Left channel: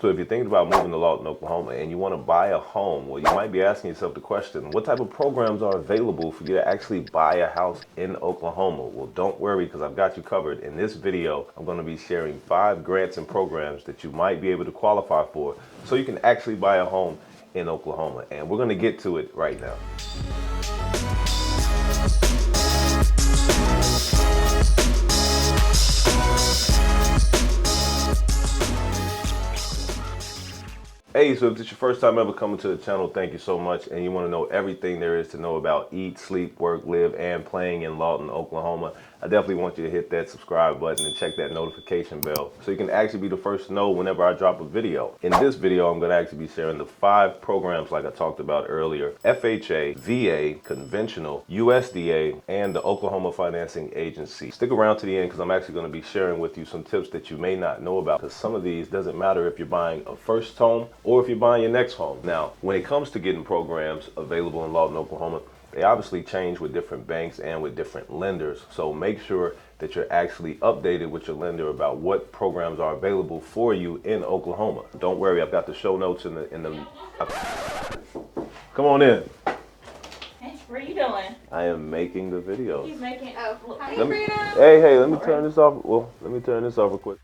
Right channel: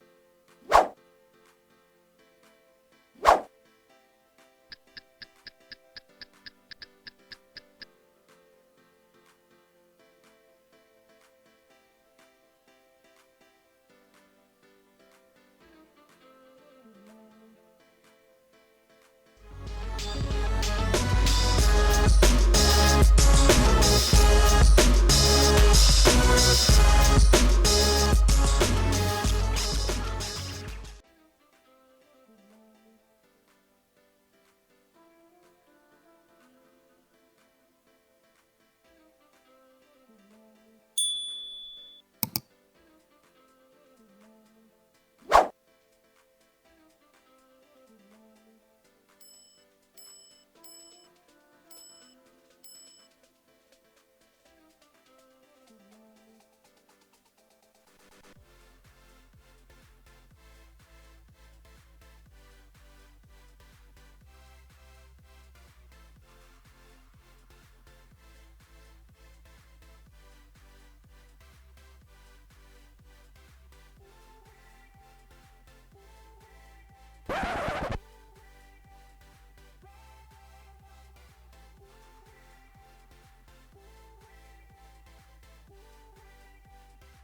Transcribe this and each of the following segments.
So if you're thinking about moving to Lawton, Oklahoma, and you want to buy a home, well, you might be asking yourself the question, what type of programs are available for you to actually buy a house in Oklahoma? Well, don't worry, because I've got you covered. In this video, I'm going to be sharing 5 grants and programs that you might be able to qualify for so you can actually buy a home in Oklahoma. And we're going to get to it right now. Hey, so if this is your first time ever coming to the channel, thank you so much. And you want to know everything there is to know about eat, sleep, work, live, and playing in Lawton, Oklahoma, I definitely want you to hit that subscribe button and check that notification bell so you can actually be the first to know whenever I drop a video. In this video, I'm going to actually be sharing the 5 programs like I talked about earlier: FHA, VA, conventional, USDA, and the Oklahoma Financing Agency. Stick around to the end because I'm actually going to be sharing with you some tips that you may not know about, because some of these doesn't matter if you're buying a first home or if you're buying your next home. Now, when it comes to getting programs available in Lawton, Oklahoma, they obviously change with different banks and with different lenders. So make sure that you're actually updated with your lender about what programs are available for you in Oklahoma. Don't worry, I've got the show notes in the Come on in. Hey, what are you doing? I am making the video. He's making Hey, let me turn this off. Well, let me turn this off real quick.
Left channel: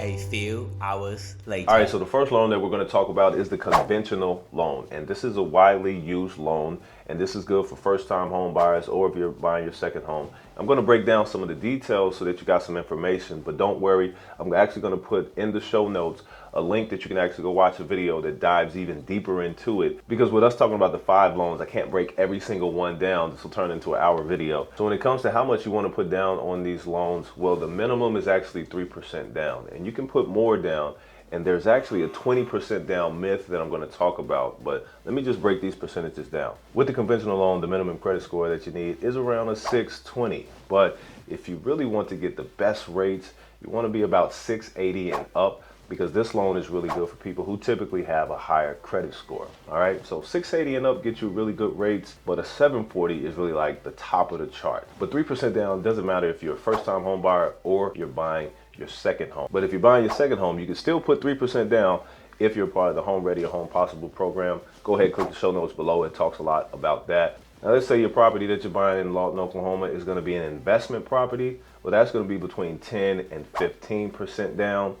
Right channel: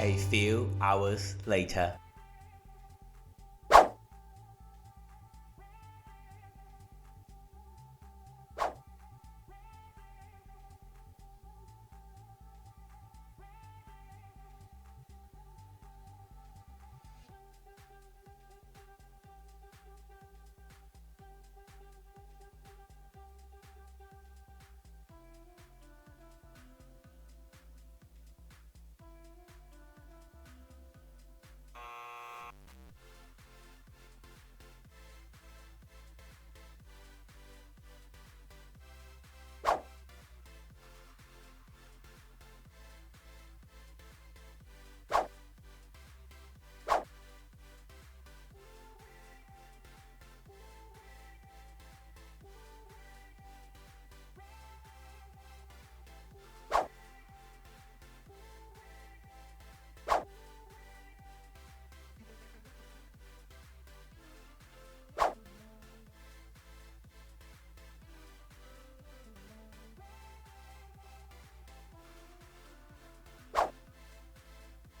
A few hours later. All right, so the first loan that we're going to talk about is the conventional loan. And this is a widely used loan, and this is good for first-time home buyers or if you're buying your second home. I'm going to break down some of the details so that you got some information, but don't worry, I'm actually going to put in the show notes a link that you can actually go watch a video that dives even deeper into it, because with us talking about the 5 loans, I can't break every single one down. This will turn into an hour video. So when it comes to how much you want to put down on these loans, well, the minimum is actually 3% down, and you can put more down. And there's actually a 20% down myth that I'm going to talk about, but let me just break these percentages down. With the conventional loan, the minimum credit score that you need is around a 620. But if you really want to get the best rates, you want to be about 680 and up, because this loan is really good for people who typically have a higher credit score. All right, so 680 and up gets you really good rates, but a 740 is really like the top of the chart. But 3% down doesn't matter if you're a first-time home buyer or you're buying your second home. But if you're buying your second home, you can still put 3% down if you're part of the Home Ready or Home Possible program. Go ahead and click the show notes below. It talks a lot about that. Now, let's say your property that you're buying in Lawton, Oklahoma is going to be an investment property. Well, that's going to be between 10 and 15% down.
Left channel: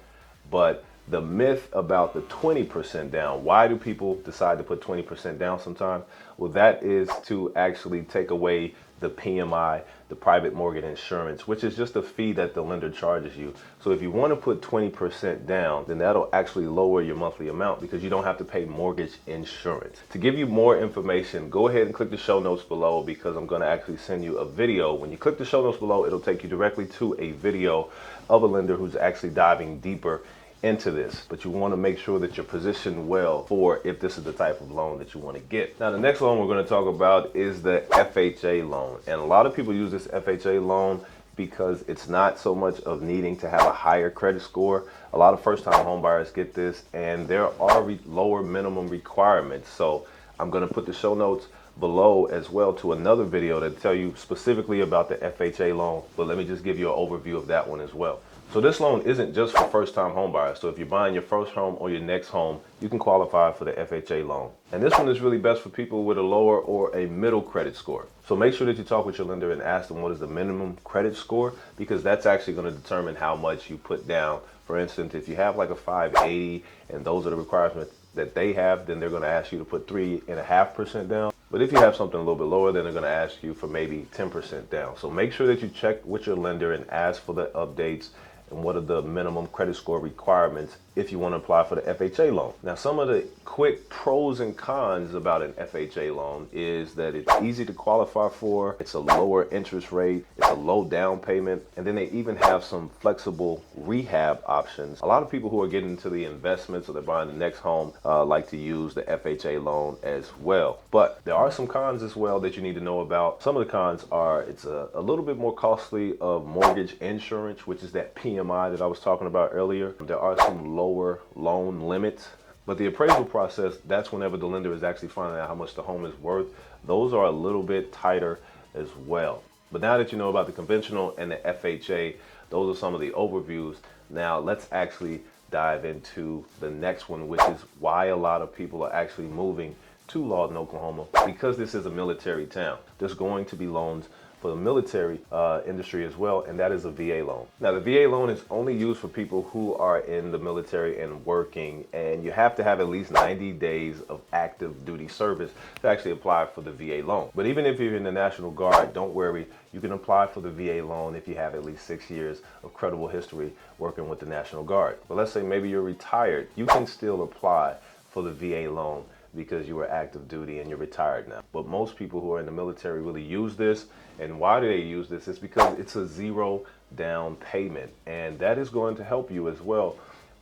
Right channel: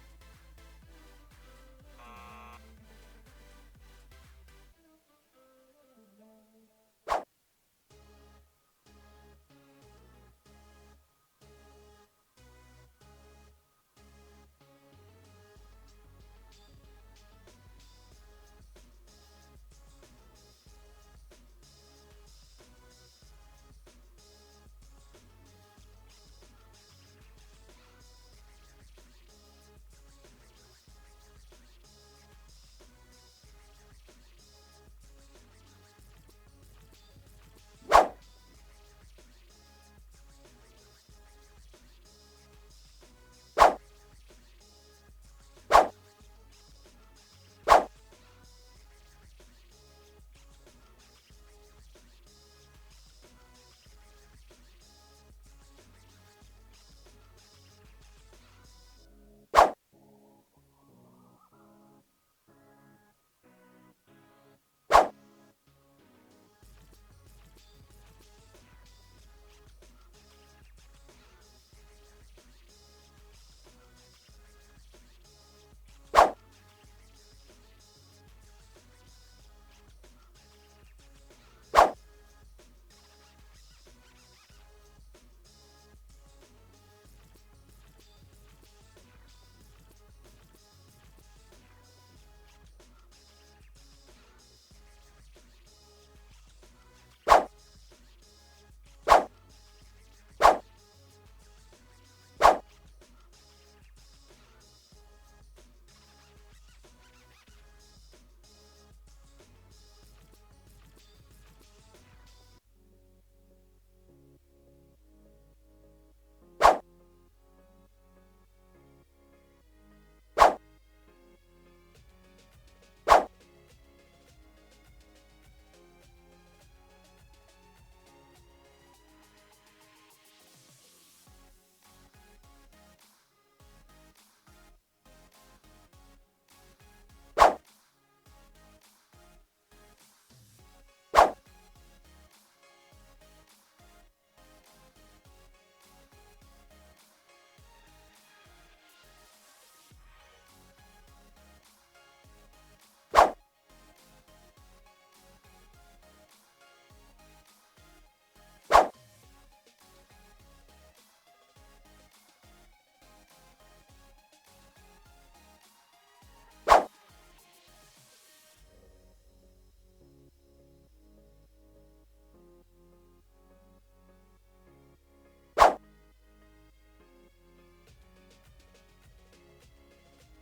But the myth about the 20% down, why do people decide to put 20% down sometimes? Well, that is to actually take away the PMI, the private mortgage insurance, which is just a fee that the lender charges you. So if you want to put 20% down, then that'll actually lower your monthly amount because you don't have to pay mortgage insurance. To give you more information, go ahead and click the show notes below, because I'm going to actually send you a video. When you click the show notes below, it'll take you directly to a video of a lender who's actually diving deeper into this, but you want to make sure that you're positioned well for if this is the type of loan that you want to get. Now, the next loan we're going to talk about is the FHA loan, and a lot of people use this FHA loan because it's not so much of needing to have a higher credit score. A lot of first-time home buyers get this, and there are lower minimum requirements. So I'm going to put the show notes below as well to another video that tell you specifically about the FHA loan, but let me just give you an overview of that one as well. So this loan isn't just for first-time home buyers. So if you're buying your first home or your next home, you can qualify for the FHA loan. And this one is really best for people with a lower or a middle credit score. So make sure that you talk with your lender and ask them what is the minimum credit score, because that's actually going to determine how much you put down. For instance, if you have like a 580 and those are the requirements that they have, then they're going to ask you to put 3.5% down. But if you have something a little bit lower, then they're going to ask you for maybe 10% down. So make sure that you check with your lender and ask for the updates and what are the minimum credit score requirements if you want to apply for the FHA loan. Now, some of the quick pros and cons about an FHA loan is that it's easy to qualify for, it's a lower interest rate, it's a low down payment, and then they even have some flexible rehab options. A lot of people who are getting into the investments or they're buying the next home like to use the FHA loan as well. But there are some cons as well that you need to know about. Some of the cons are it's a little bit more costly of mortgage insurance, which is that PMI that I was talking about earlier. There are some lower loan limits. But the appraisal process, that's whenever the lender is actually finding out how much the home is worth. Those are a little bit tighter as well. But now that you know about the conventional and the FHA, those are some of the overviews. Now let's actually dive into the next one, which is why a lot of people are actually moving to Lawton, Oklahoma, because this is a military town. There's going to be loans for the military industry as well, and that is a VA loan. Now, the VA loan is only used for people who are in the military and working, and you have to have at least 90 days of active duty service to actually apply for the VA loan. But even if you're in the National Guard, don't worry, you can apply for the VA loan if you have at least 6 years of credible history working with the National Guard. But let's say maybe you're retired, you can still apply for the VA loan because you were active duty and you're retired now. But most people who are in the military really use this. And why do they use this? It's because it's a zero down payment, and that is going to help you as well.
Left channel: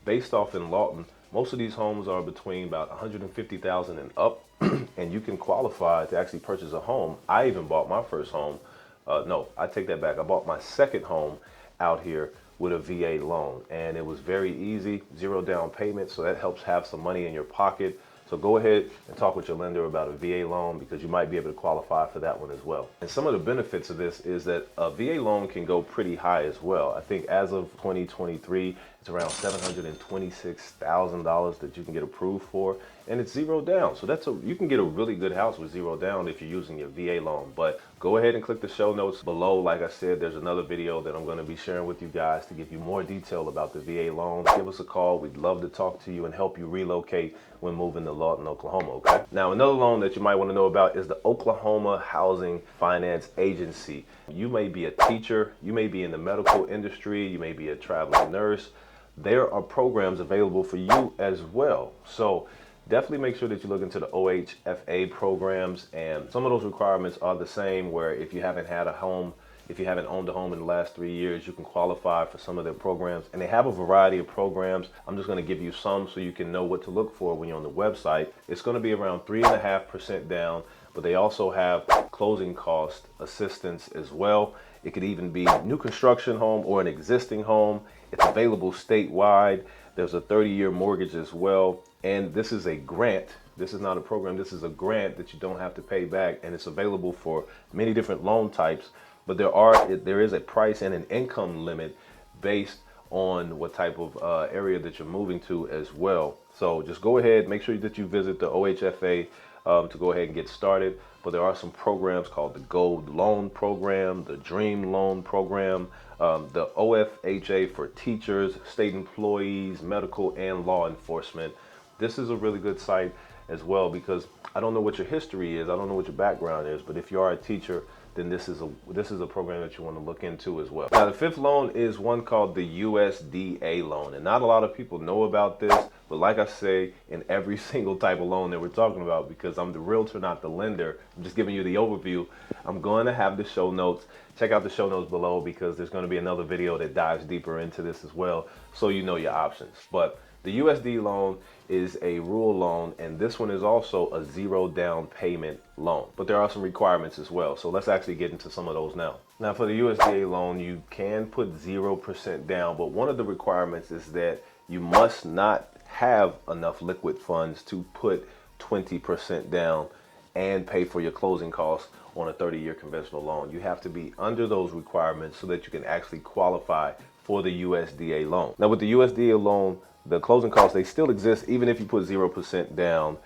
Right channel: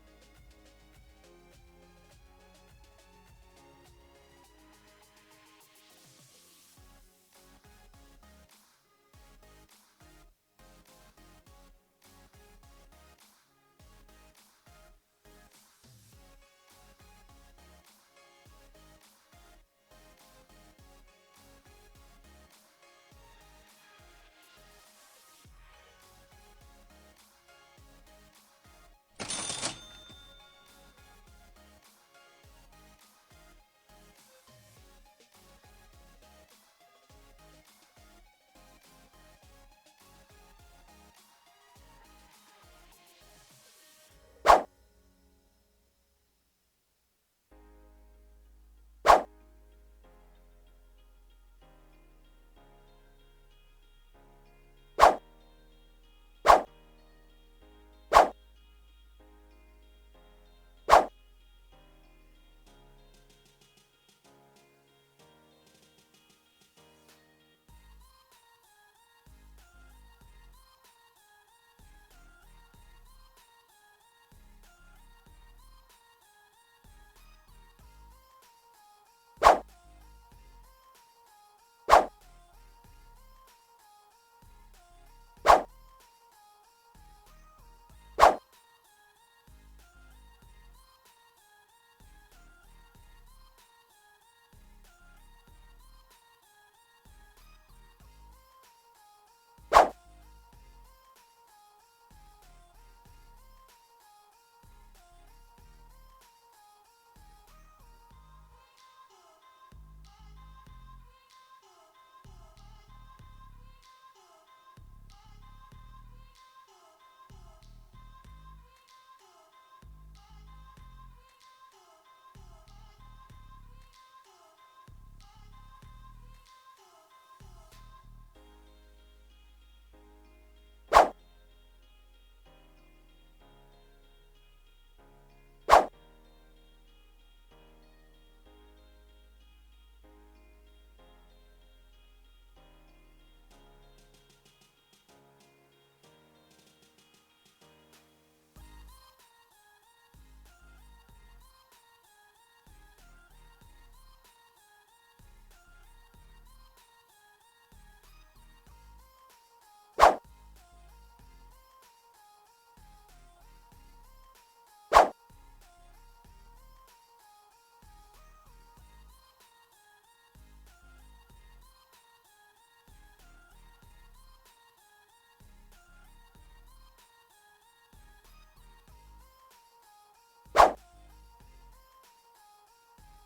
Based off in Lawton, most of these homes are between about 150,000 and up, and you can qualify to actually purchase a home. I even bought my first home. No, I take that back. I bought my second home out here with a VA loan, and it was very easy, zero down payment, so that helps have some money in your pocket. So go ahead and talk with your lender about a VA loan, because you might be able to qualify for that one as well. And some of the benefits of this is that a VA loan can go pretty high as well. I think as of 2023, it's around $726,000 that you can get approved for, and it's zero down. So you can get a really good house with zero down if you're using your VA loan. But go ahead and click the show notes below. Like I said, there's another video that I'm going to be sharing with you guys to give you more detail about the VA loan. Give us a call. We'd love to talk to you and help you relocate when moving to Lawton, Oklahoma. Okay. Now, another loan that you might want to know about is the Oklahoma Housing Finance Agency. You may be a teacher, you may be in the medical industry, you may be a traveling nurse. There are programs available for you as well. So definitely make sure that you look into the OHFA programs, and some of those requirements are the same, where if you haven't had a home, if you haven't owned a home in the last 3 years, you can qualify for some of their programs. And they have a variety of programs. I'm just going to give you some so you can know what to look for when you're on the website. It's going to be around 3.5% down, but they also have closing cost assistance as well. It could even be a new construction home or an existing home. It's available statewide. There's a 30-year mortgage as well. And this is a grant. This is not a program. This is a grant that you don't have to pay back, and it's available for many different loan types. But there is a price and an income limit based on what type of area that you're moving to as well. So just go ahead, make sure that you visit the OHFA to go ahead and get started. But there are some programs called the Gold Loan Program, the Dream Loan Program, the OHFA for teachers, state employees, medical, and law enforcement. This is a really good site as well, because I don't know what your history is, I don't know what your background is, but if you are a teacher, then this is a program that you want to look into as well. Now, the fifth loan is one called the USDA loan, and not a lot of people know about this, but like I say, in every single type of loan that we're talking about, because I'm the realtor, not the lender, I'm just giving you the overview. I'm going to have the show notes. Check out the show notes below, because there's going to be another video that dives deeper into this as well, so you know your options. But the USD loan is a rural loan, and this one is also a zero down payment loan, but there are some requirements as well. So let's actually get into some of those now. Now, for the USDA loan, you can put 0% down, but one of the requirements is that you must not have enough liquid funds to put 20% down and pay for your closing costs on a 30-year conventional loan. You have to be under those requirements so that you can actually qualify for the USDA loan. Now, with the USDA loan, the closing costs, they still exist even if you put 0% down,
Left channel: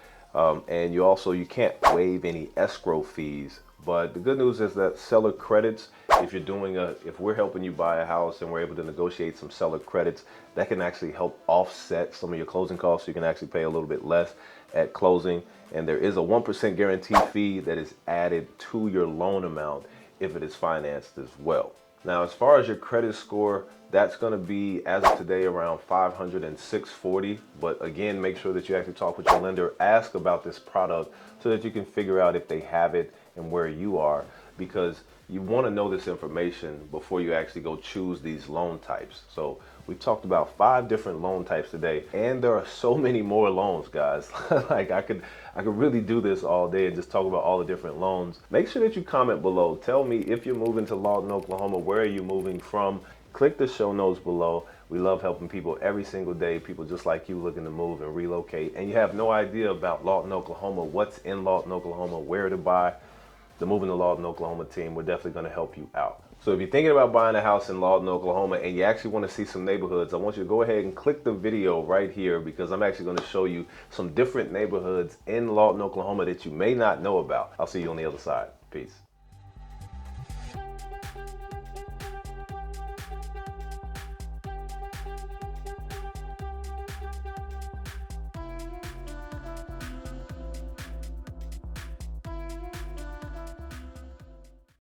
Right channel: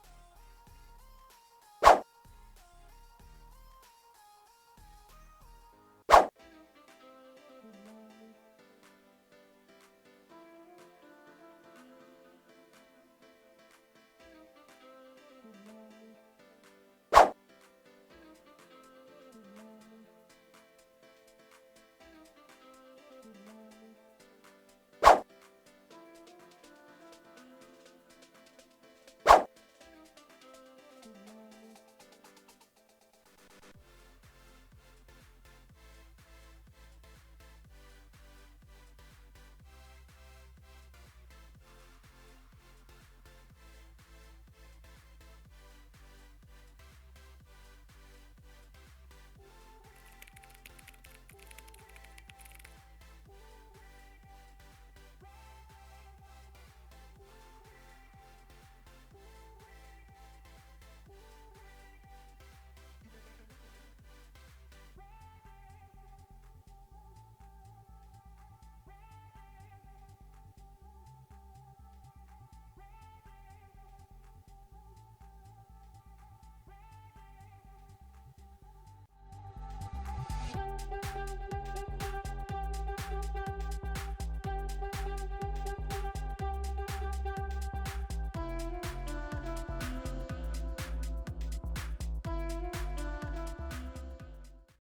and you can't waive any escrow fees. But the good news is that seller credits, if we're helping you buy a house and we're able to negotiate some seller credits, that can actually help offset some of your closing costs. So you can actually pay a little bit less at closing. And there is a 1% guarantee fee that is added to your loan amount if it is financed as well. Now, as far as your credit score, that's going to be, as of today, around 500 and 640. But again, make sure that you actually talk with your lender, ask about this product so that you can figure out if they have it and where you are, because you want to know this information before you actually go choose these loan types. So we talked about 5 different loan types today, and there are so many more loans, guys. Like I could really do this all day and just talk about all the different loans. Make sure that you comment below. Tell me if you're moving to Lawton, Oklahoma, where are you moving from? Click the show notes below. We love helping people every single day, people just like you looking to move and relocate, and you have no idea about Lawton, Oklahoma, what's in Lawton, Oklahoma, where to buy. The Moving to Lawton, Oklahoma team, we're definitely going to help you out. So if you're thinking about buying a house in Lawton, Oklahoma, and you actually want to see some neighborhoods, I want you to go ahead and click the video right here because I'm actually going to show you some different neighborhoods in Lawton, Oklahoma that you may not know about. I'll see you on the other side. Peace.